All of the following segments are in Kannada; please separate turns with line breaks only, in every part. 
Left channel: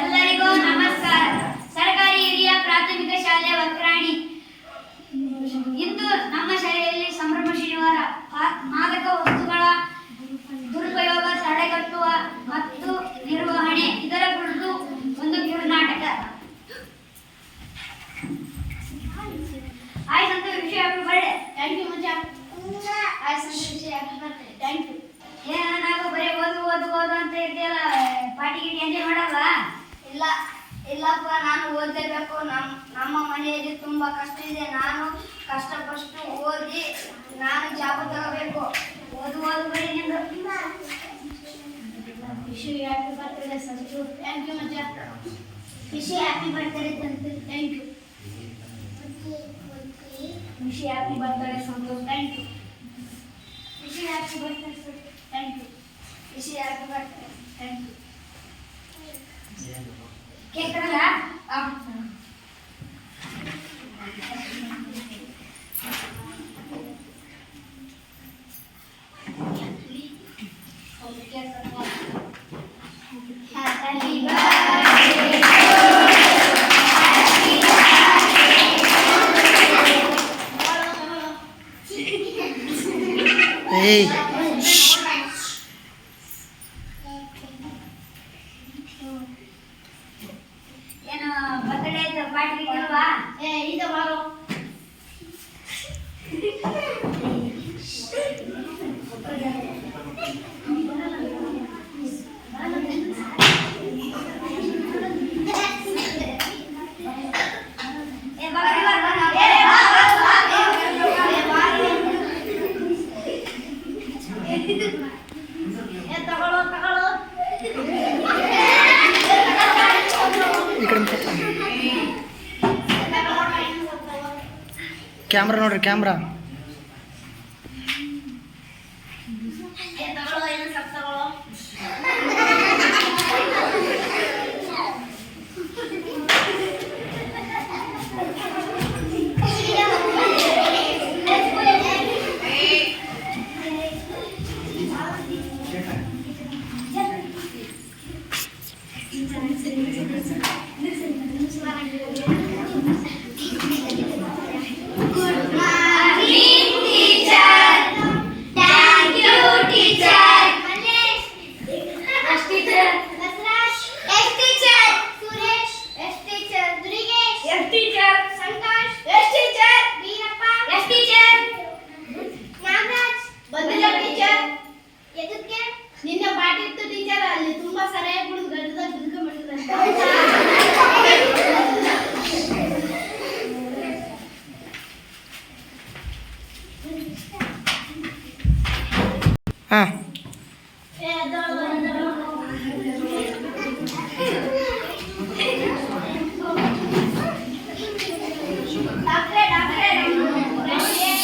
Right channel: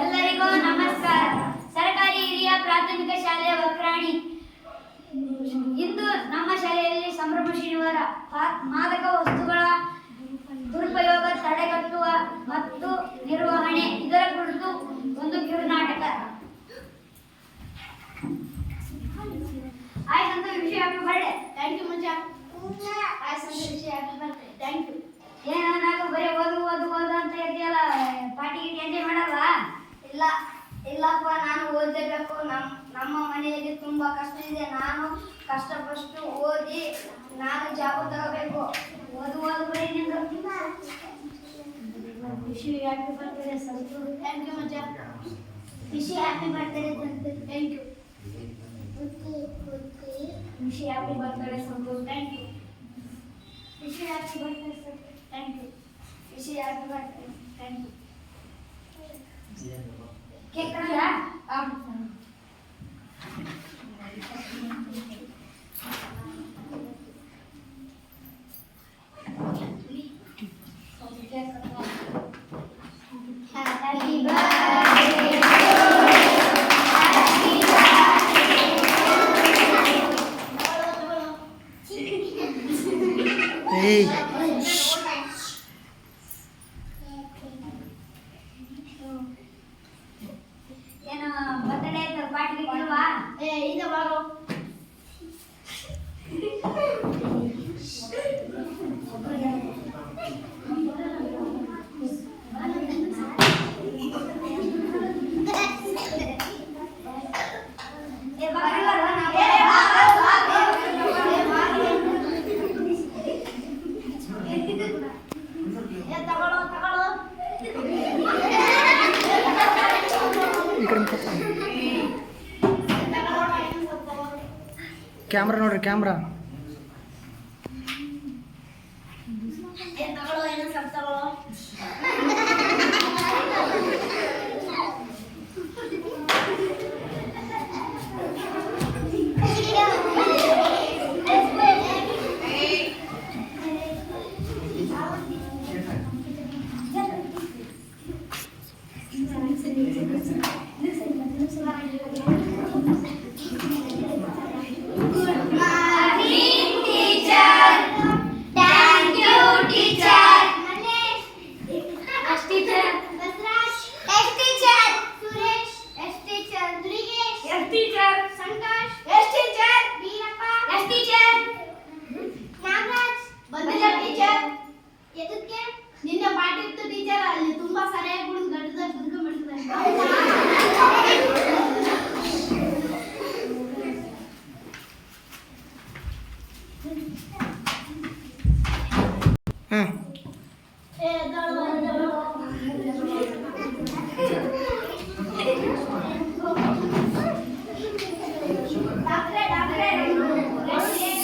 ಎಲ್ಲರಿಗೂ ನಮಸ್ಕಾರ. ಸರ್ಕಾರಿ ಹಿರಿಯ ಪ್ರಾಥಮಿಕ ಶಾಲೆ ವಕ್ರಾಣಿ. ಇಂದು ನಮ್ಮ ಶಾಲೆಯಲ್ಲಿ ಸಂಭ್ರಮ ಶನಿವಾರ. ಮಾದಕ ವಸ್ತುಗಳ ದುರುಪಯೋಗ, ತಡೆಗಟ್ಟುವ ಆಯ್ ಹ್ಯಾಪಿ ಬರ್ಡೇ
ಥ್ಯಾಂಕ್ ಯು ಮಜಾ ಹ್ಯಾಪಿ ವಿಷಯ ಥ್ಯಾಂಕ್ ಯು
ಏನ ನಾನು ಬರೀ ಓದು ಓದು ಓದು ಅಂತ ಇದೆಯಲ್ಲ ಪಾರ್ಟಿಗೆ ಎಂಜಾಯ್ ಮಾಡಲ್ವಾ?
ಇಲ್ಲ ಇಲ್ಲಪ್ಪ ನಾನು ಓದಲೇಬೇಕು ನಮ್ಮ ನಮ್ಮ ಮನೆಯಲ್ಲಿ ತುಂಬ ಕಷ್ಟ ಇದೆ. ನಾನು ಕಷ್ಟಪಟ್ಟು ಓದಿ ನಾನು ಜಾಬ್ ತಗೋಬೇಕು.
ಓದು ಓದು ಬರೀ
ಖುಷಿ happy birthday Sanju thank you ಮಜಾ ಖುಷಿ happy birthday Santu thank you ಖುಷಿ happy birthday Santu thank you ಖುಷಿ happy birthday Santu thank you ಖುಷಿ happy birthday thank you
cake ತರಲ್ಲ
এই
ಈ ಕಡೆ ಕ್ಯಾಮ್ರಾ ನೋಡ್ರಿ ಕ್ಯಾಮ್ರಾ.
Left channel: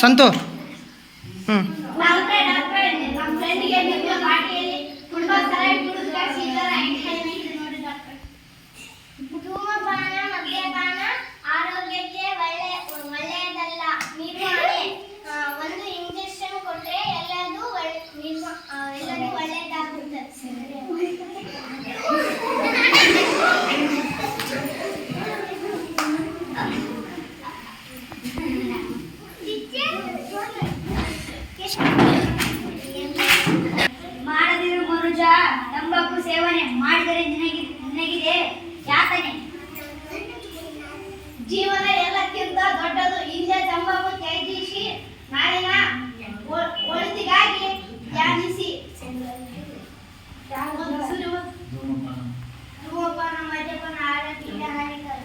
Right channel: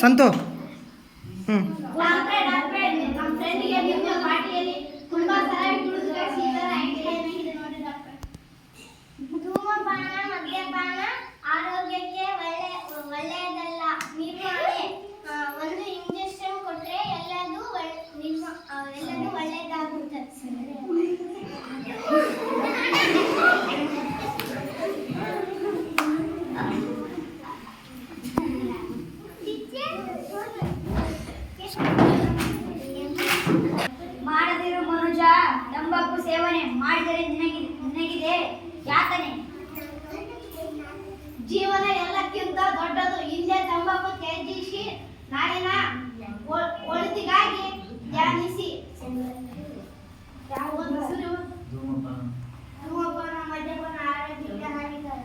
संतो हम्म
ಮಾಡದಿರು ಗುರುಜ
ತಂಬಾಕು ಸೇವನೆ ಮಾಡಿದರೆ ನಿನಗೆ ನಿನಗಿದೆ ಯಾತನೆ. ಜೀವನ ಎಲ್ಲಕ್ಕಿಂತ ದೊಡ್ಡದು. ಹಿಂದೆ ತಂಬಾಕು ತ್ಯಜಿಸಿ ನಾಳಿನ ಒಳಿತಿಗಾಗಿ ಧ್ಯಾನಿಸಿ. ಧೂಮಪಾನ ಮದ್ಯಪಾನ
ಆರೋಗ್ಯ ಹಾನಿಕರ